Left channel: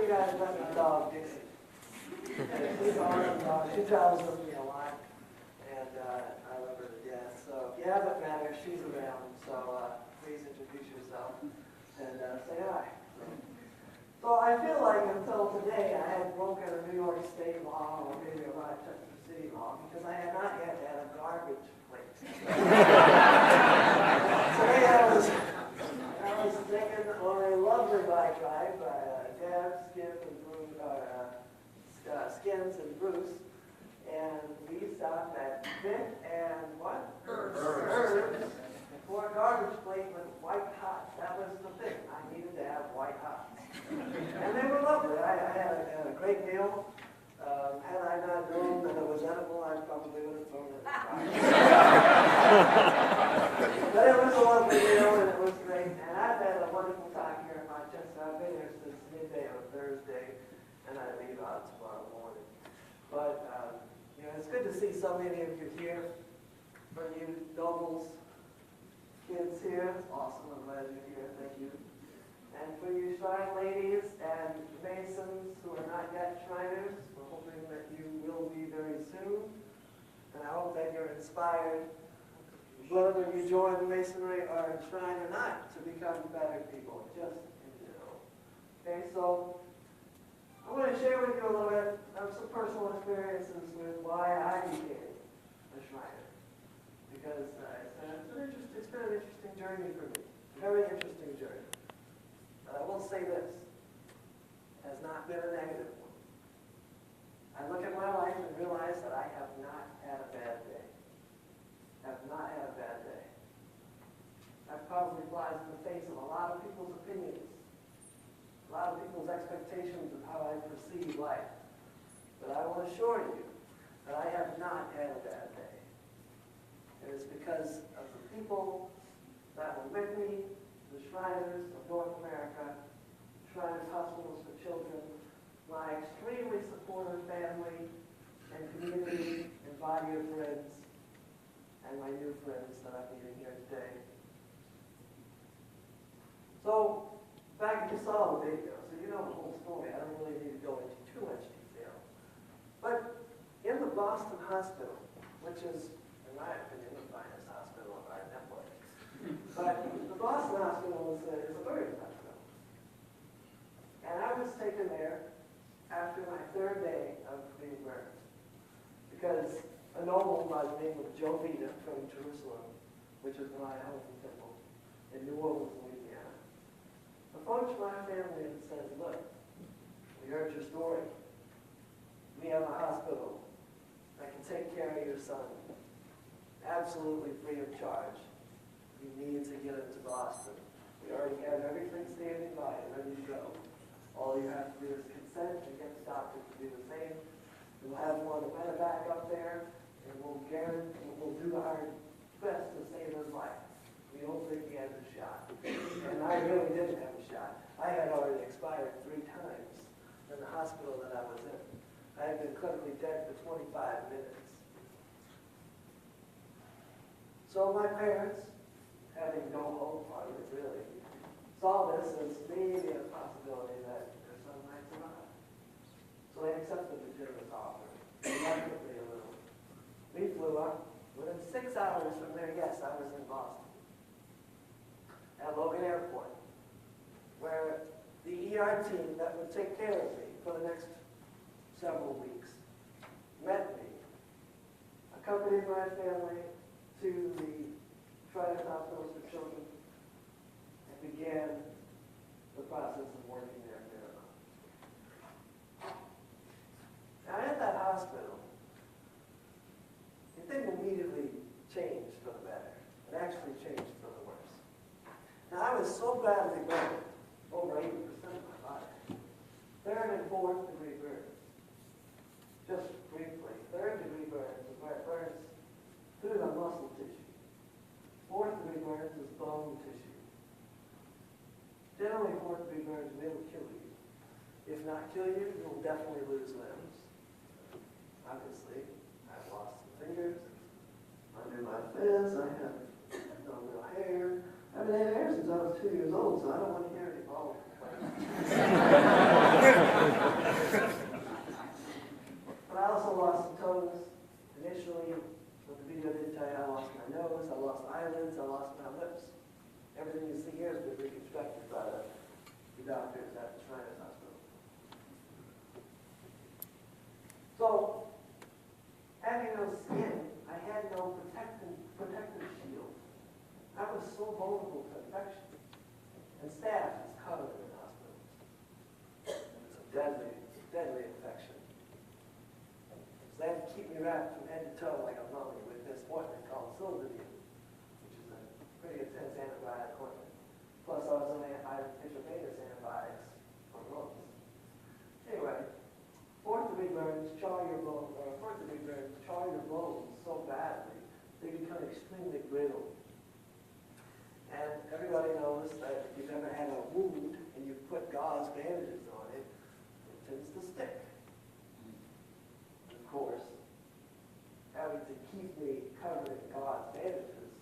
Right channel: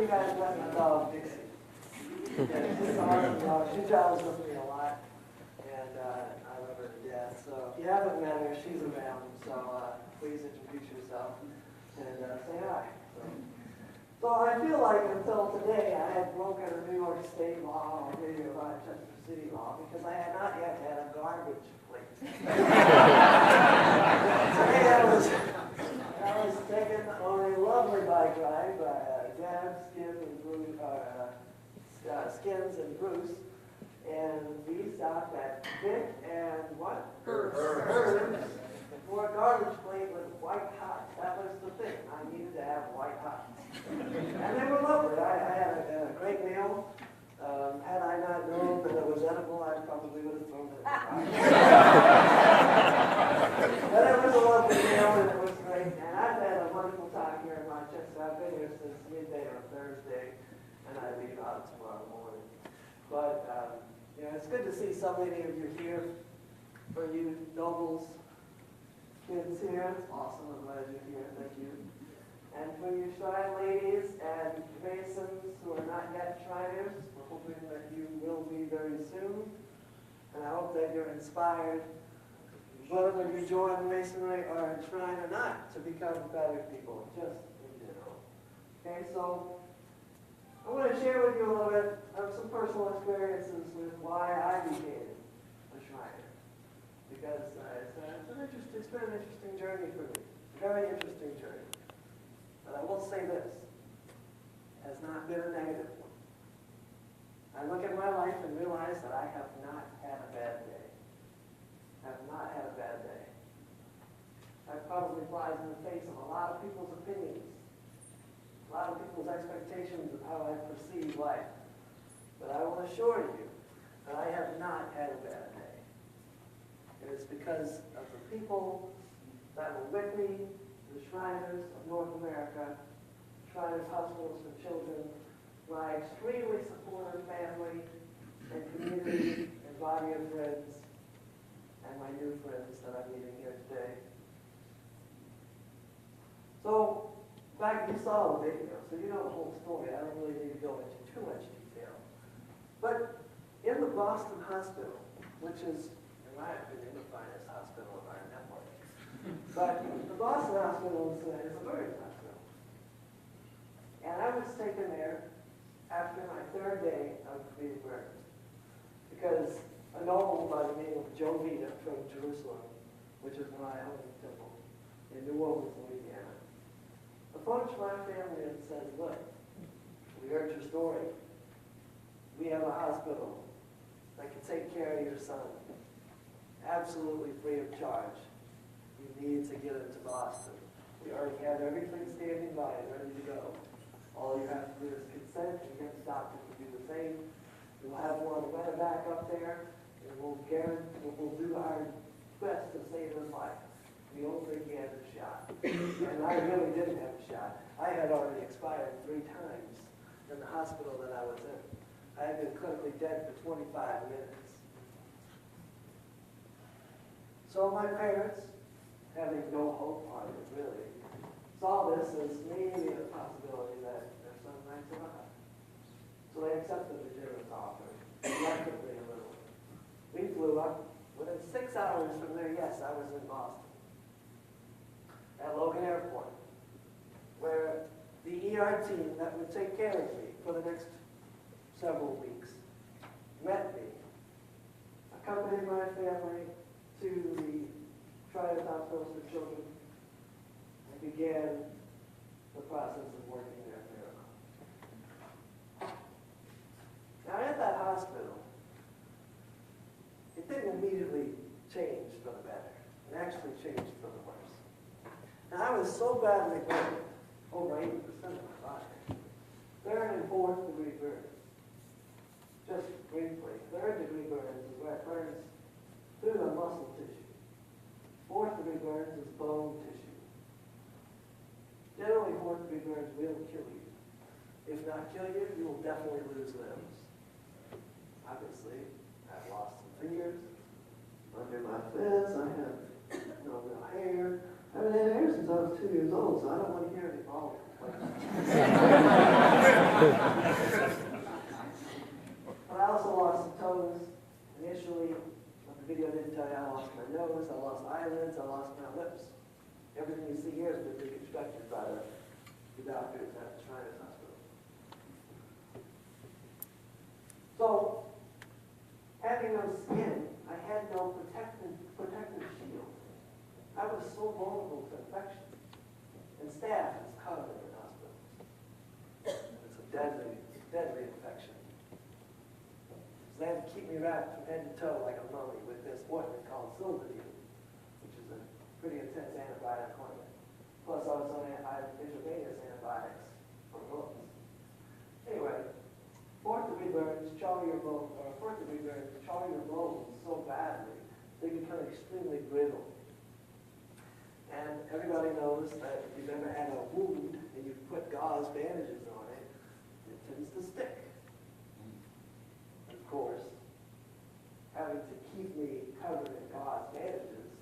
of you guys met my dog, Dixie? She's an awesome dog. She travels with me a lot, and I love her to death. So if you haven't met her, she's around. So please introduce yourself and say hi. So I feel like until today I had broken a New York State law or maybe a Rochester City law because I had not yet had a garbage plate. Today I was taken on a lovely bike ride by Dad, Skins and Bruce, and we stopped at Dick and what? Bird. For a garbage plate with white hot. That was the thing. I needed to have white hot. And they were lovely. I had a great meal. Had I not known that it was edible, I probably would have thrown it. But it was a lovely meal and it was great. And I've had a wonderful time here in Rochester. I've been here since midday on Thursday, and I leave out tomorrow morning. But it's good to see so many of you here. For you nobles, kids here, it's awesome. I'm glad you're here. Thank you. And for you shrine ladies and masons who are not yet shriners, we're hoping that you will be very soon. And I hope that you're inspired, whether you join masonry or shrine or not, to become better people, just in general. Okay, so I want to share with you a little bit of some personal experiences with why I became a shriner. Because it's been an interesting journey for me. Very interesting journey. But I will say this, it has not been a negative one. I look at my life and realize that I have not had a bad day. Have not had a bad day. That probably flies in the face of a lot of people's opinions, a lot of people's expectations of how I perceive life. But I will assure you that I have not had a bad day. It is because of the people that were with me, the Shriners of North America, Shriners Hospitals for Children, my extremely supportive family and community and body of friends, and my new friends that I'm meeting here today. So, back you saw the video, so you know the whole story. I don't really need to go into too much detail. But in the Boston Hospital, which is, in my opinion, the finest hospital of our network, but the Boston Hospital is a very hospital. And I was taken there after my third day of being burned. Because a noble by the name of Joe Vita from Jerusalem, which is my home temple in New Orleans, Louisiana, approached my family and said, look, we heard your story. We have a hospital that can take care of your son absolutely free of charge. You need to get into Boston. We already have everything standing by and ready to go. All you have to do is consent and get the doctor to do the same. We'll have one right back up there, and we'll do our best to save his life. We don't think he has a shot. And I really didn't have a shot. I had already expired 3 times in the hospital that I was in. I had been clinically dead for 25 minutes. So my parents, having no hope on it really, saw this as maybe a possibility that their son might survive. So they accepted the generous offer, reluctantly a little. We flew up. Within 6 hours from there, yes, I was in Boston, at Logan Airport, where the ER team that would take care of me for the next several weeks met me, accompanied my family to the Triad Hospitals for Children, and began the process of working their miracle. Now, at that hospital, it didn't immediately change for the better. It actually changed for the worse. Now, I was so badly burned, over 80% of my body, 3rd and 4th degree burns. Just briefly, 3rd degree burns is where it burns through the muscle tissue. 4th degree burns is bone tissue. Generally, 4th degree burns will kill you. If not kill you, you will definitely lose limbs. Obviously, I've lost some fingers under my fist. I have no real hair. I haven't had hair since I was 2 years old, so I don't want to hear any bald complaints. definitively reconstructed by the doctors at the Shrine Hospital. So, having no skin, I had no protective shield. I was so vulnerable to infection. And staph is common in the hospital. It's a deadly infection. So they had to keep me wrapped from head to toe like a mummy with this ointment called Silverview, which is a pretty intense antibiotic ointment. Plus I was on intravenous antibiotics for months. Anyway, fourth degree burns charr your bones so badly they become extremely brittle. And everybody knows that if you've ever had a wound and you put gauze bandages on it, it tends to stick. Of course, having to keep me covered in gauze bandages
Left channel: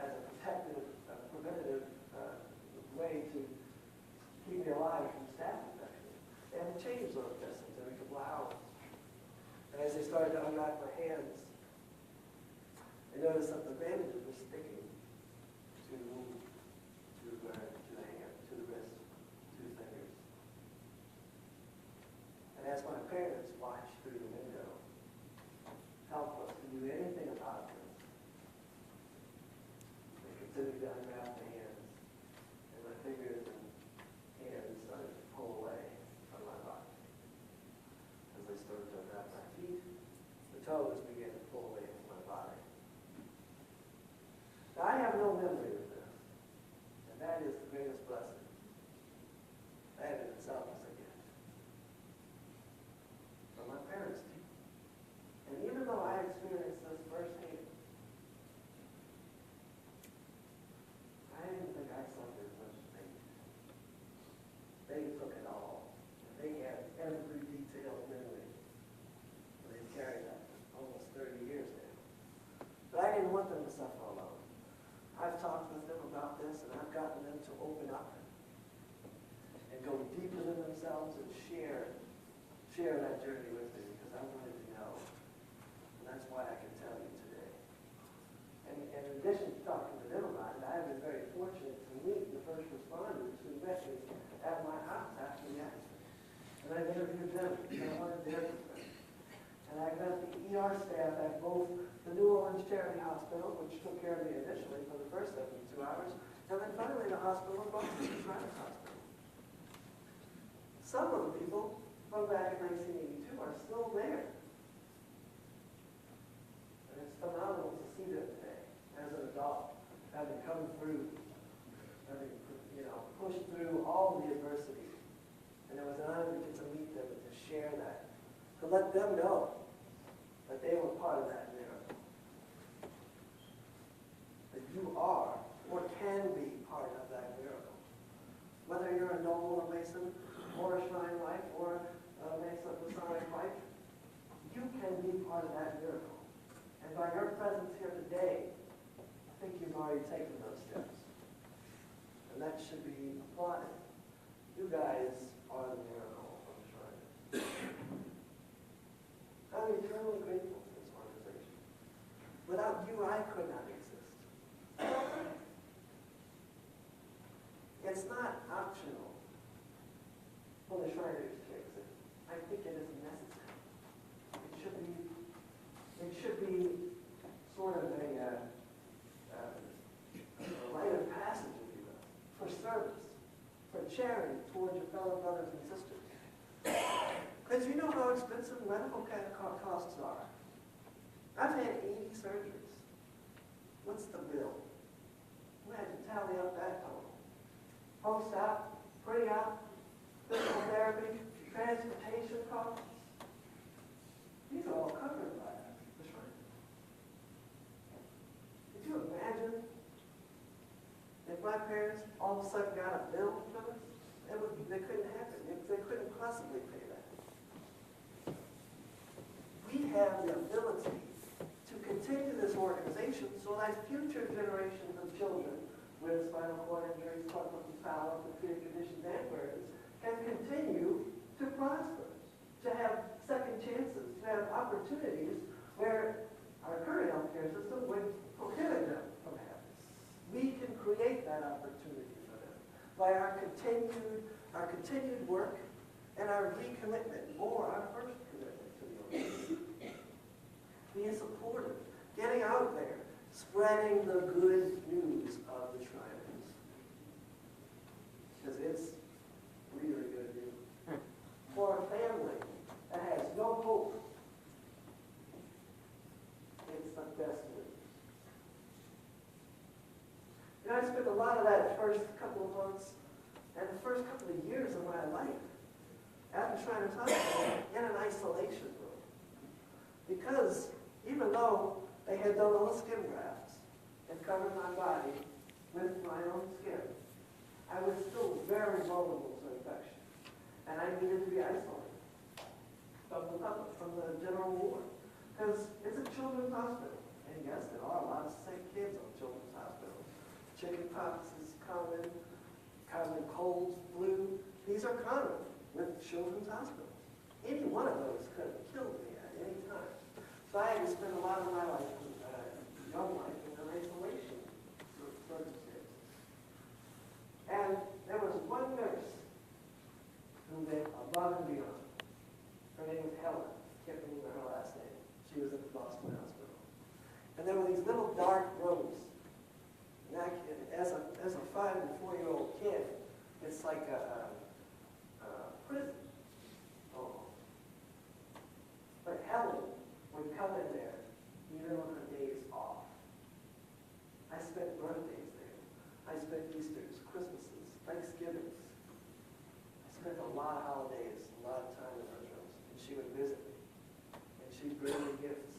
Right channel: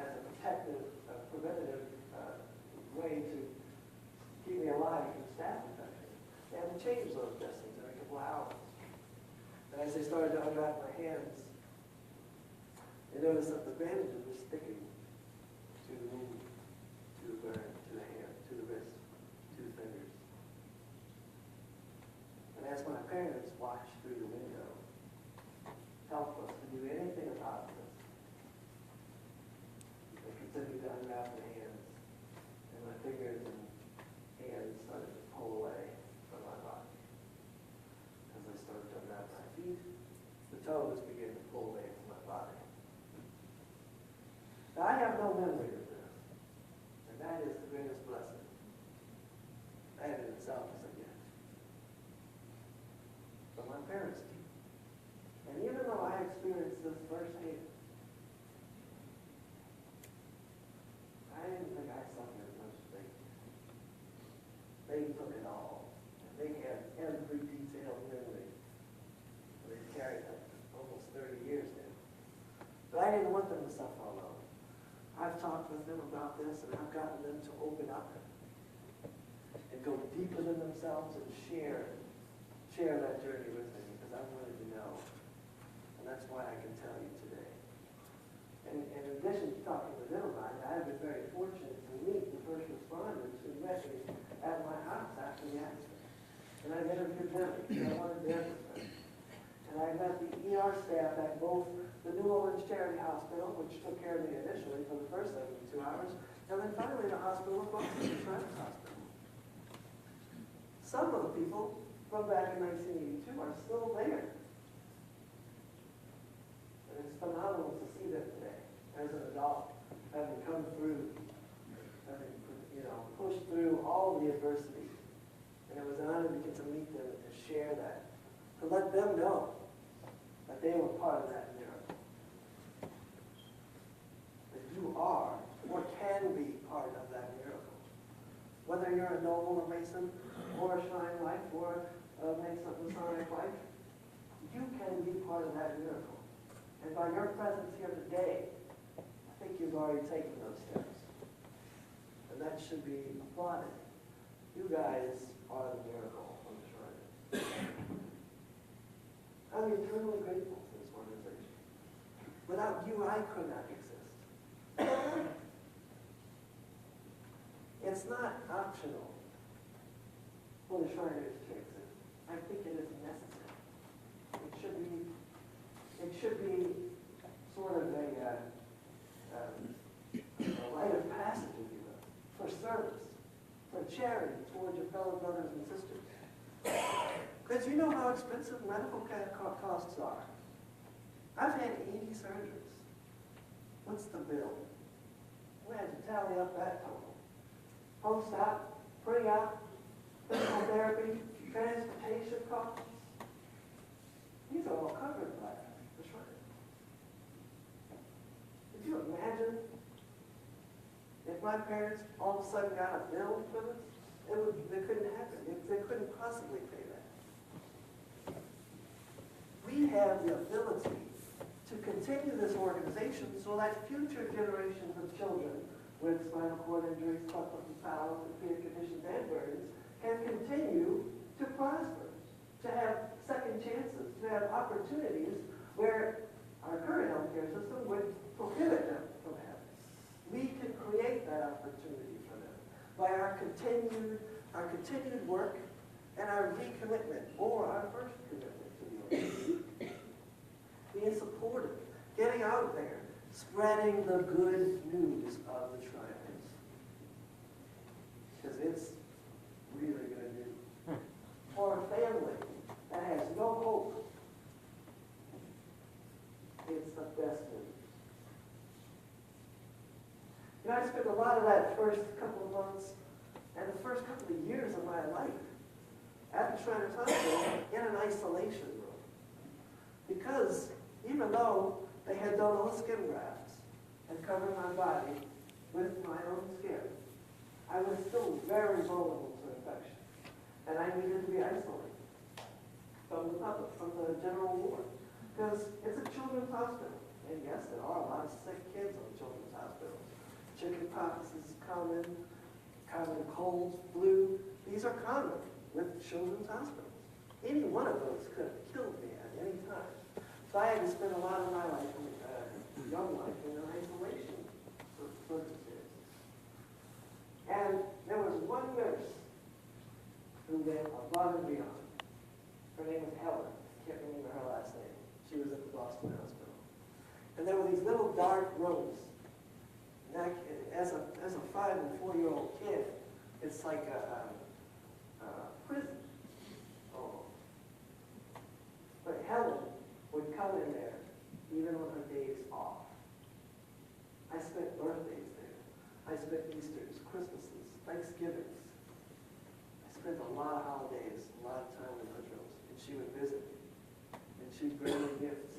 as a preventative way to keep me alive from staph infection, they had to change those dressings every couple hours. And as they started to unwrap my hands, they noticed that the bandages were sticking to the wound, to the burn, to the hand, to the wrist, to the fingers. And as my parents watched through the window, helpless to do anything about this, they continued to unwrap my hands, and my fingers and hands started to pull away from my body. As they started to unwrap my feet, the toes began to pull away from my body. Now, I have no memory of this, and that is the greatest blessing. That in itself is a gift. But my parents did. And even though I experienced this firsthand, I didn't think I suffered as much as they did. They took it all. And they had every detailed memory. They've carried that for almost 30 years now. But I didn't want them to suffer alone. I've talked with them about this, and I've gotten them to open up and go deeper than themselves and share that journey with me, because I wanted to know. And that's why I can tell you today. And in addition to talking to them about it, I have been very fortunate to meet the first responders who met me at my house after the accident. And I've interviewed them, and I wanted their perspective. And I met the ER staff at both the New Orleans Charity Hospital, which took care of me initially for the first 72 hours, and then finally the hospital across the Damascus Hospital. Some of the people from back in 1982 are still there. And it's phenomenal to see them today as an adult, having come through, having pushed through all the adversity. And it was an honor to get to meet them and to share that, to let them know that they were part of that miracle. That you are, or can be, part of that miracle. Whether you're a noble or Mason, or a Shrine wife, or a Masonic wife, you can be part of that miracle. And by your presence here today, I think you've already taken those steps. And that should be applauded. You guys are the miracle from the Shrine. I'm eternally grateful to this organization. Without you, I could not exist. It's not optional for the Shriners to exist. I think it is necessary. It should be sort of a rite of passage, if you will, for service, for charity towards your fellow brothers and sisters. Because you know how expensive medical costs are. I've had 80 surgeries. What's the bill? We had to tally up that total. Post-op, pre-op, physical therapy, transportation costs. These are all covered by the Shrine. Could you imagine if my parents all of a sudden got a bill from us? They couldn't happen. They couldn't possibly pay that. We have the ability to continue this organization so that future generations of children with spinal cord injuries, carpal tunnel, severe conditions, and burns can continue to prosper, to have second chances, to have opportunities where our current healthcare system would prohibit them from having. We can create that opportunity by our continued work and our recommitment, or our first commitment to the Lord. Being supportive, getting out there, spreading the good news of the Shriners. Because it's really good news. For a family that has no hope, it's the best news. You know, I spent a lot of that first couple of months and the first couple of years of my life at the Shriners Hospital in an isolation room. Because even though they had done all skin grafts and covered my body with my own skin, I was still very vulnerable to infection. And I needed to be isolated from the public, from the general ward. Because it's a children's hospital. And yes, there are a lot of sick kids on children's hospitals. Chickenpox is common colds, flu. These are common with children's hospitals. Any one of those could have killed me at any time. So I had to spend a lot of my life, young life, in isolation circumstances. And there was one nurse who went above and beyond. Her name was Helen. I can't remember her last name. She was at the Boston Hospital. And there were these little dark rooms. And as a 5 and 4-year-old kid, it's like a prison. Oh. But Helen would come in there even on her days off. I spent birthdays there. I spent Easters, Christmases, Thanksgivings. I spent a lot of holidays, a lot of time in her rooms. And she would visit me. And she'd bring me gifts.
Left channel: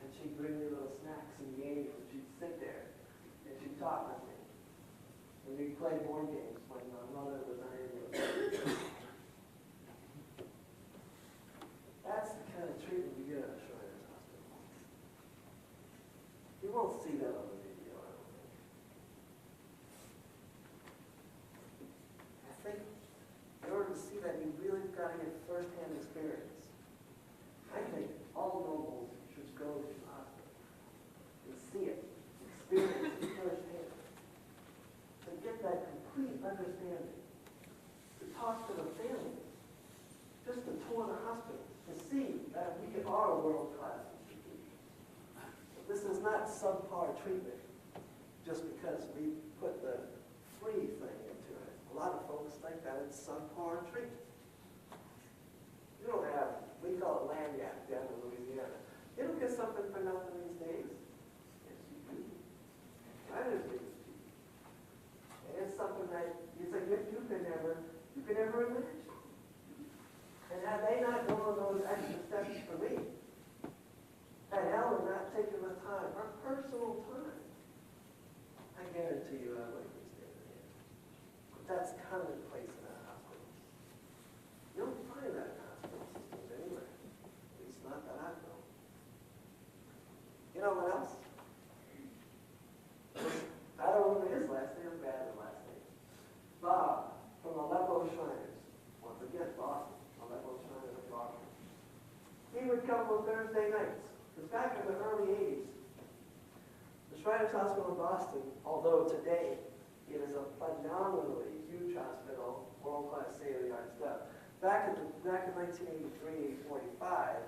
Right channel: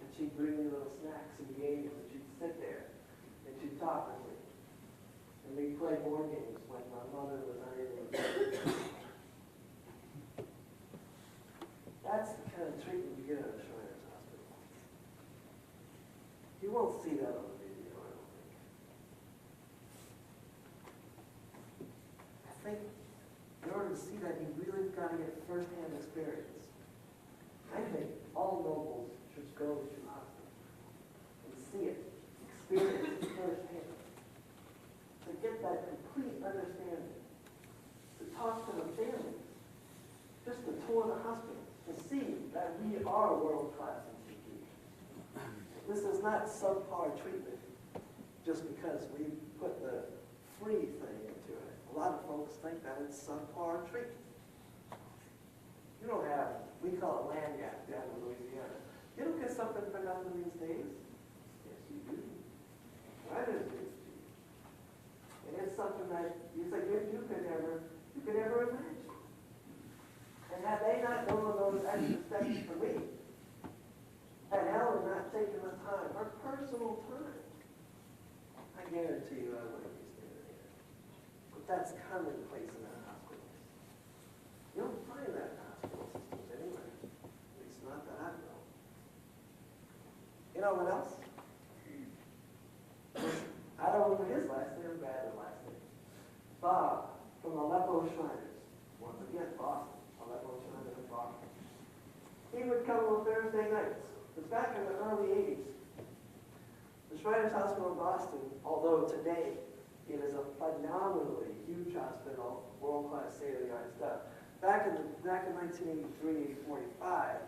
And she'd bring me little snacks and games. And she'd sit there. And she'd talk with me. And we'd play board games when my mother was not able to. That's the kind of treatment you get at a Shriners Hospital. You won't see that on the video, I don't think. I think in order to see that, you really got to get first-hand experience. I think all nobles should go to the hospital and see it, experience it firsthand, to get that complete understanding, to talk to the family, just to tour the hospital, to see that we are world-class institutions. This is not subpar treatment just because we put the free thing into it. A lot of folks think that it's subpar treatment. You don't have, we call it lagniappe down in Louisiana. You don't get something for nothing these days. Yes, you do. Writers do. And it's something that you could never imagine. And had they not gone those extra steps for me, had Helen not taken the time, her personal time, I guarantee you I wouldn't be standing here. But that's commonplace in our hospitals. You don't find that in hospital systems anywhere. At least not that I know. You know what else? I don't remember his last name or Bad's last name. Bob from Aleppo Shriners. Once again, Boston. Aleppo Shriners in Boston. He would come on Thursday nights. Because back in the early 80s, the Shriners Hospital in Boston, although today it is a phenomenally huge hospital, world-class state-of-the-art stuff, back in 1983 and 45,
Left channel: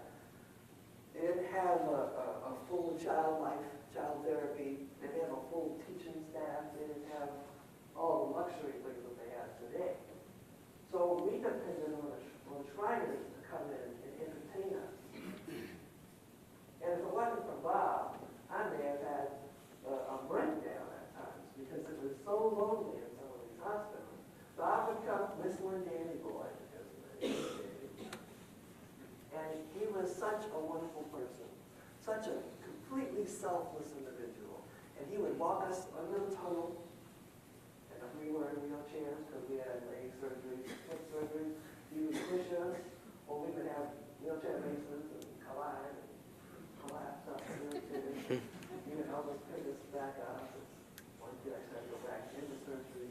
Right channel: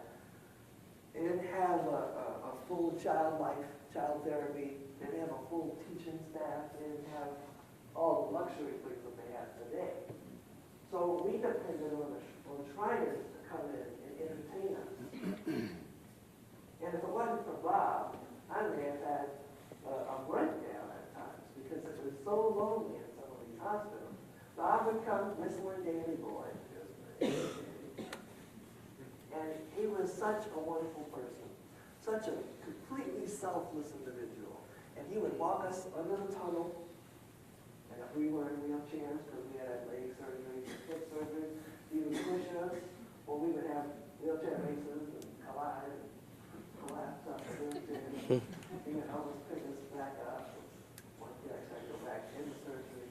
it didn't have a full child therapy. They didn't have a full teaching staff. They didn't have all the luxury things that they have today. So we depended on Shriners to come in and entertain us. And if it wasn't for Bob, I may have had a breakdown at times because it was so lonely in some of these hospitals. Bob would come whistling Danny Boy. And he was such a wonderful person, such a completely selfless individual. And he would walk us a little tunnel, and if we were in wheelchairs because we had leg surgery, hip surgery, he would push us, or we would have wheelchair races and collide and collapse up and wheelchairs. He would help us pick us back up. One kid I tried to go back into surgery.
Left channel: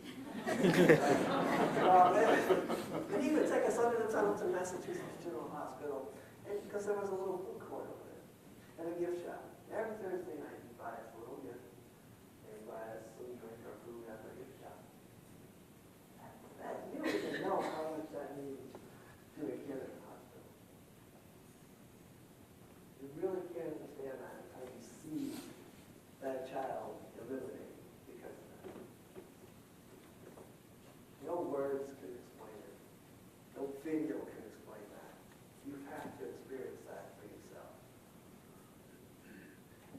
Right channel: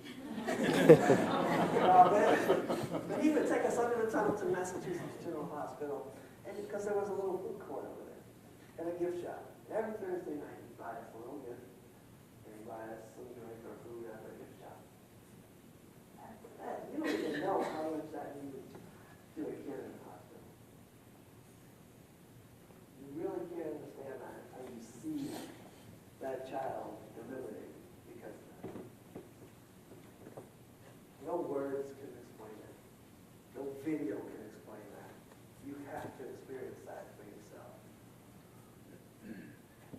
And he would take us under the tunnel to Massachusetts General Hospital, and because there was a little food court over there, and a gift shop. Every Thursday night, he'd buy us a little gift, and buy us some drink or food at the gift shop. video can explain that. You have to experience that for yourself.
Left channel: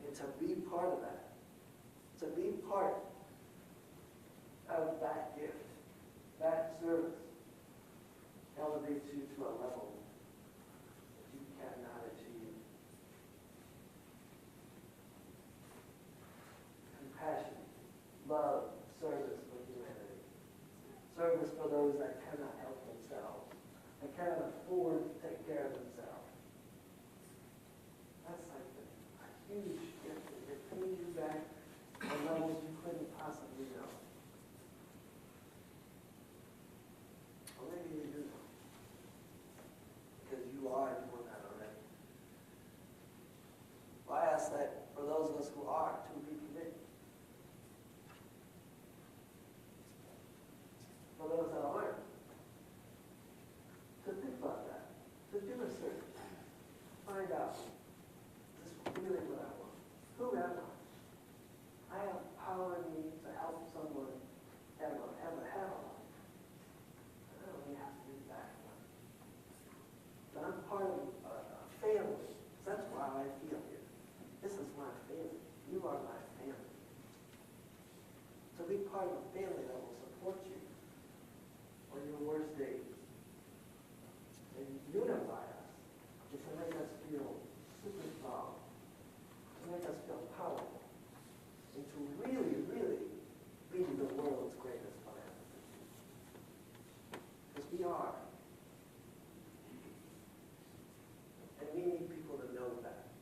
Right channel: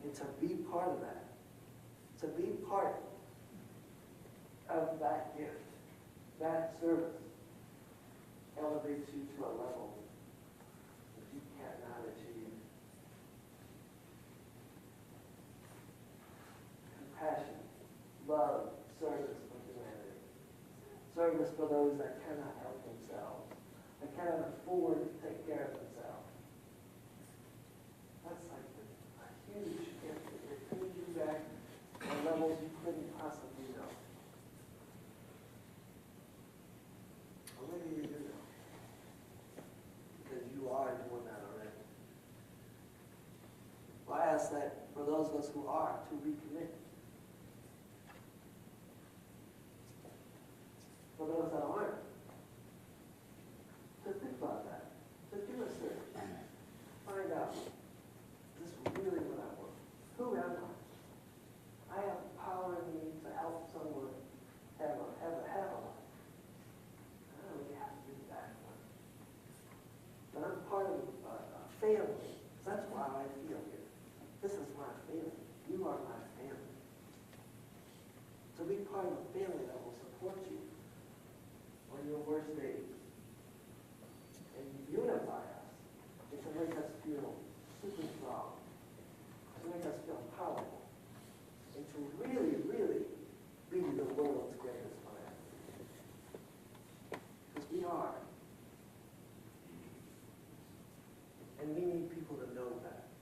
And to be part of that, to be part of that gift, that service, elevates you to a level that you cannot achieve. Compassion, love, service for humanity. Service for those that cannot help themselves, that cannot afford to take care of themselves. That's like a huge gift that brings you back on levels you couldn't possibly know. Or maybe you do know, because you are doing that already. Well, I ask that for those of us who are, to recommit. For those that aren't, to think about that. To do a search. Find out, is this really what I want? Who am I? I have power in me to help someone have a life. I don't really have to do that one. But I'm part of a family. That's why I feel here. This is my family. You are my family. To be part of a family that will support you on your worst days and unify us, and to make us feel super strong, to make us feel powerful, and to really, really be the world's greatest philanthropist. Because we are. And we need people to know that.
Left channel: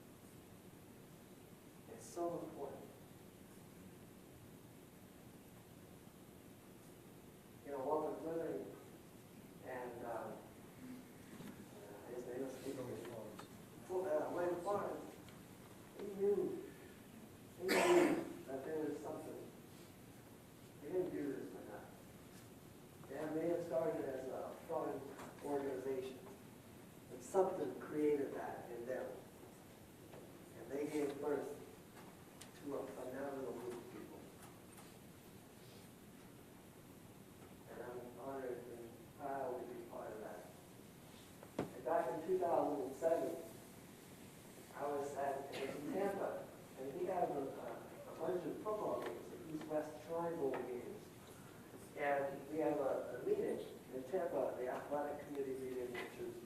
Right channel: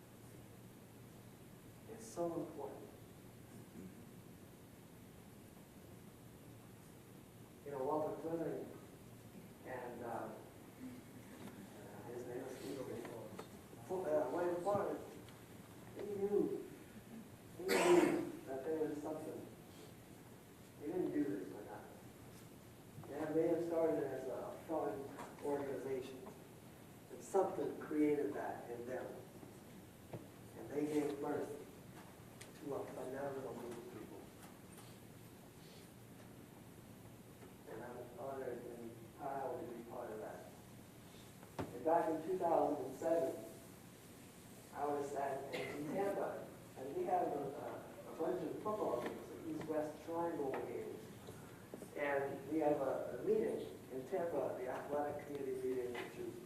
It's so important. You know, Walter Fleming and his name is William Flores, he knew that there was something. They didn't do this for nothing. Yeah, they had started as a fun organization. And something created that in them. And they gave birth to a phenomenal group of people. And I'm honored and proud to be part of that. And back in 2007, I was in Tampa, and we had a bunch of football games, the East-West Triangle games. And we have a meeting in Tampa, the athletic community meeting, which is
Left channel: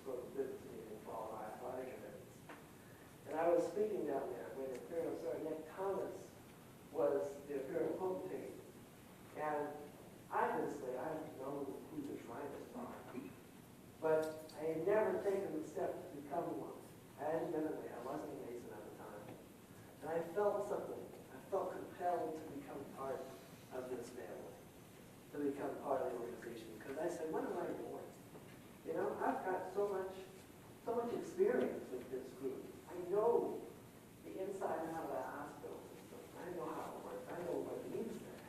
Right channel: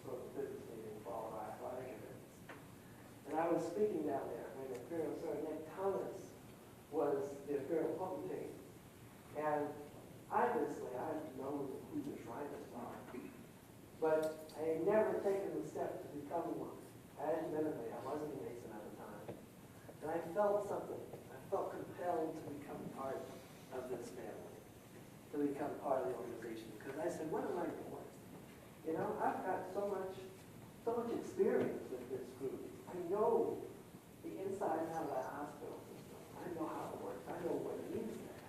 sort of a business meeting for all our athletic events. And I was speaking down there when the Imperial Sir Nick Thomas was the Imperial Potentate. And obviously, I know who the Shriners are, but I had never taken the step to become one. Admittedly, I wasn't a Mason at the time. And I felt something. I felt compelled to become part of this family, to become part of the organization. Because I said, what am I doing? You know, I've got so much experience with this group. I know the inside and out of that hospital system. I know how it works. I know what it needs there.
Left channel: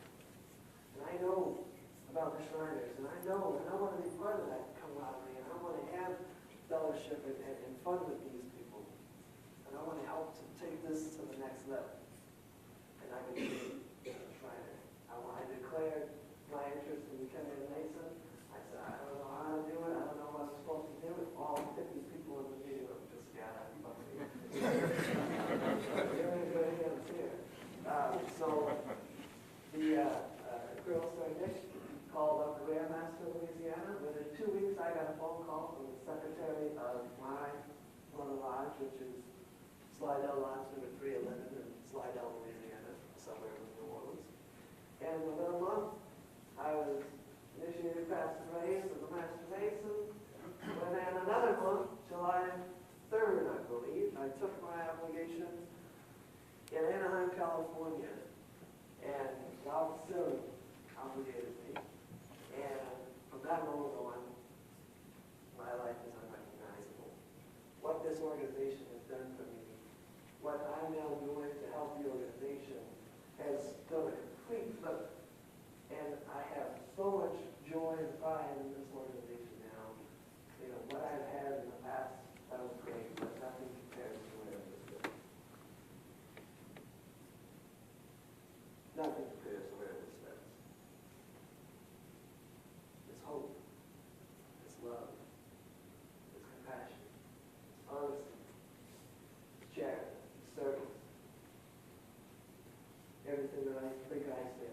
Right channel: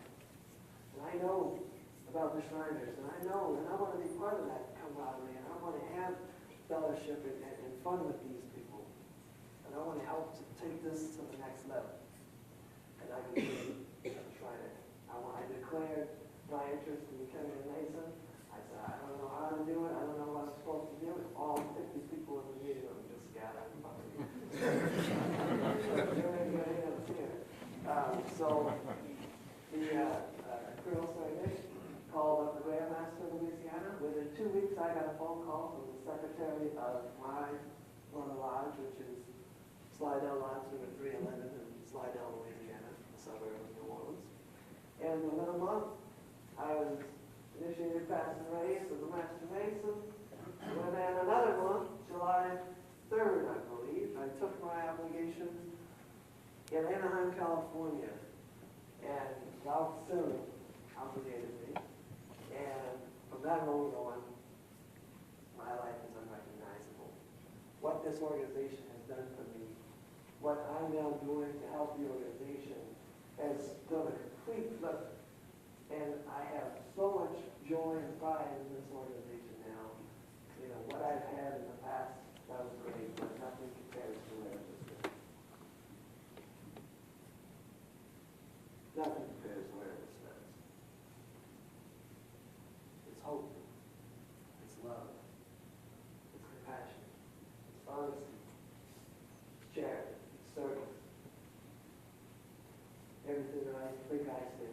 And I know about the Shriners. And I know, and I want to be part of that camaraderie. And I want to have fellowship and fun with these people. And I want to help to take this to the next level. And I became a Shriner. I declared my interest in becoming a Mason. I said, I don't know how to do it. I don't know what I'm supposed to do. All 50 people in the meeting room just got up. So the Colonel Sir Nick called up the Grand Master of Louisiana. Within 2 weeks, I got a phone call from the secretary of my lodge, which is Slidell Lodge number 311 in Slidell, Louisiana, a suburb of New Orleans. And within a month, I was initiated past the race as a Master Mason. And then another month, July 3rd, I believe, I took my obligation in Anaheim, California. And God soon obligated me. And from that moment on, my life is unrecognizable. What this organization has done for me, what I'm now doing to help the organization, has done a complete flip. And I have so much joy and pride in this organization now. You know, what I've had in the past, that was great, but nothing compares to what it is today. Nothing compares to where it is today. It's hope. It's love, it's compassion, it's honesty, it's charity, it's service. Everything that I think I say